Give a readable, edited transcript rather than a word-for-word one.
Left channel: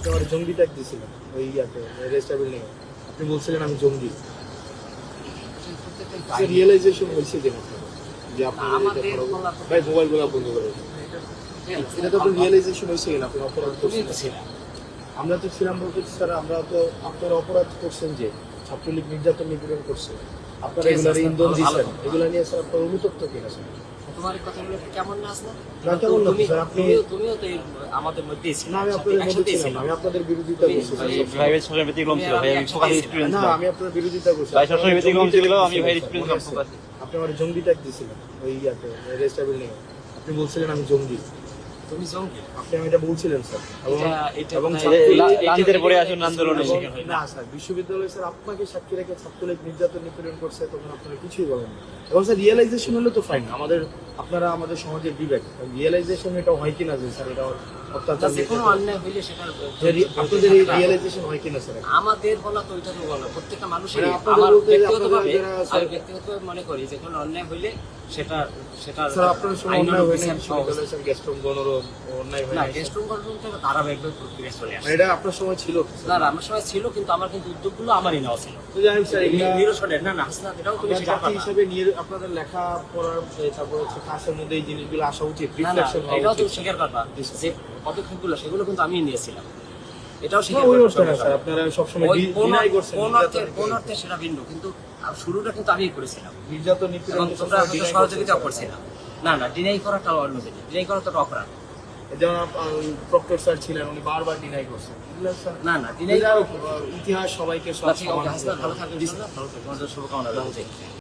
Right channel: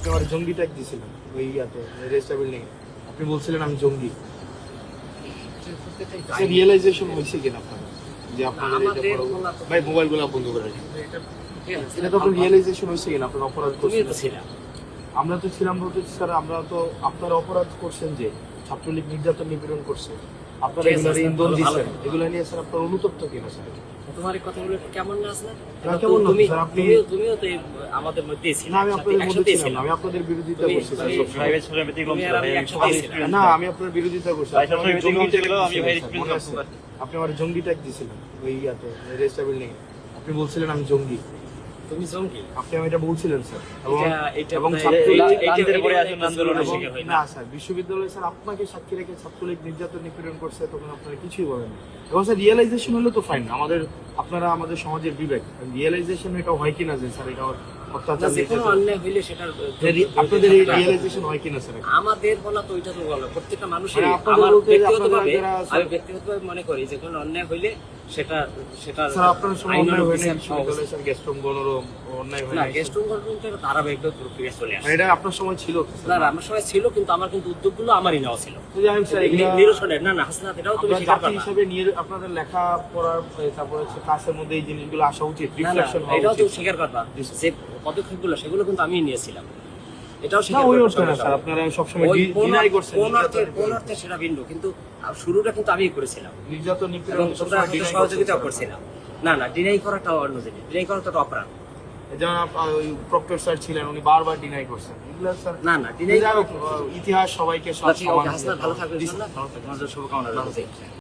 আপনি আমার জঙ্গি ট্যাগ দিয়েছিলেন ওই ইয়াতে রেজিস্টার বিল্ডিং এ। আপনি বলছিলেন আমি জঙ্গি। রিয়েলাইজেশন হয়েছে কিনা আপনার যে আপনার এটা করা ভাই মোবাইলগুলো বন্ধ করে এটা তো রিয়েলাইজেশন হয়েছে কিনা আপনার অপরাধ করছেন? আমরা তো ছিলাম বলতে স্যার আমরা তো আপনার অপরাধ করছেন যে ছাত্রলীগ নির্যাতন নিপীড়ন করছে, আপনারা এগুলোর ইন্ধন দিচ্ছেন, এগুলো নিয়ে স্যার আপনার অনুতপ্ত কিনা স্যার? তোমার এই কথাগুলো কেমন না আছে না? কেমন না স্যার? তুমিও তো আমাদের মধ্যে ছিলে না, আমি আপনাদের মধ্যে ছিলাম না, আমি আপনাদের বিরোধিতা করছি স্যার। না, আমি আপনাদের বিরোধিতা করছি। আপনি আমার জঙ্গি ট্যাগ দিয়েছিলেন ওই ইয়াতে রেজিস্টার বিল্ডিং এ। আপনি বলছিলেন আমি জঙ্গি। তুমি জঙ্গি? আপনি আমি এটা বলছিলেন স্যার। এবং না স্যার, বিশ্ববিদ্যালয় স্যার আপনাকে সাক্ষী রেখে ছাত্রলীগ নির্যাতন নিপীড়ন করছে, তখন আপনারা কিছুই বলেন না। এবং স্যার রিয়েলাইজেশন হলে তো ফাইন, আপনারা আমাদের সমাজের বিবেক, রিয়েলাইজেশন এটা হয় কিনা যে স্যার এটা অত্যাচার, যেকোনো অন্যায় হইলে সেটা আপনাদের এই রিয়েলাইজেশন হয় কিনা স্যার? আমাদের বলা তো ওইটা তো বলো, প্রত্যেকটা মানুষের ব্যক্তিগতভাবে ব্যক্তিগতভাবে মনে করি যে কোনো অন্যায় হইলে সেটা স্যার আপনার সময় অন্যায় হয় না বিশ্ববিদ্যালয়ে স্যার গেস্টরুম গণরুম অন্যায় হয় না, না? গেস্টরুম গণরুমটা ধারাবাহিকভাবে প্রক্রিয়া চলে আসে। এটা আপনার সময় ছিল না, আমার সময় ছিল, কিন্তু আমার কিন্তু উদ্যোগগুলো আমারই নেওয়া ছিল। তো জানেন স্যার নিরসনের না হাসনাত, এটাও তুমি স্বীকার জাতি করো না। হিসেবে আপনাদের লেখা পড়ার তারপরে হচ্ছে কাজের মধ্যে এই জিনিসগুলো আসা উচিত, রিফ্লেকশন হওয়া এটাও উচিত। তুমি স্বীকার করবা যে পদক্ষেপগুলো সেগুলো কিন্তু আমি নিয়েছিলাম, এটাও না স্বীকার ওই করতে অর্থে না হবে। স্যার, আপনারা সবসময় ডিনাই করছেন কোন অর্থে সেটা ভিন্ন, কিন্তু শুরুটা কিন্তু আমিই করেছিলাম নির্যাতন এবং নিপীড়ন তোমরা হয়তো সহযোগিতা করছিলাম। না, ডিনাই করাটা অন্য জিনিস, ডিনাই করা তো একটা অপরাধ। যারা ওই প্রক্টর স্যার ছিলেন উনি বারবার ডিনাই করছেন এগুলো স্যার। না, ডিনাই ইতিহাস সবাইকে সব ঠিক আছে, সমান হাসনাত ভালো থাকবে, ইনশাআল্লাহ। তোমাদের শুভকামনা রইল।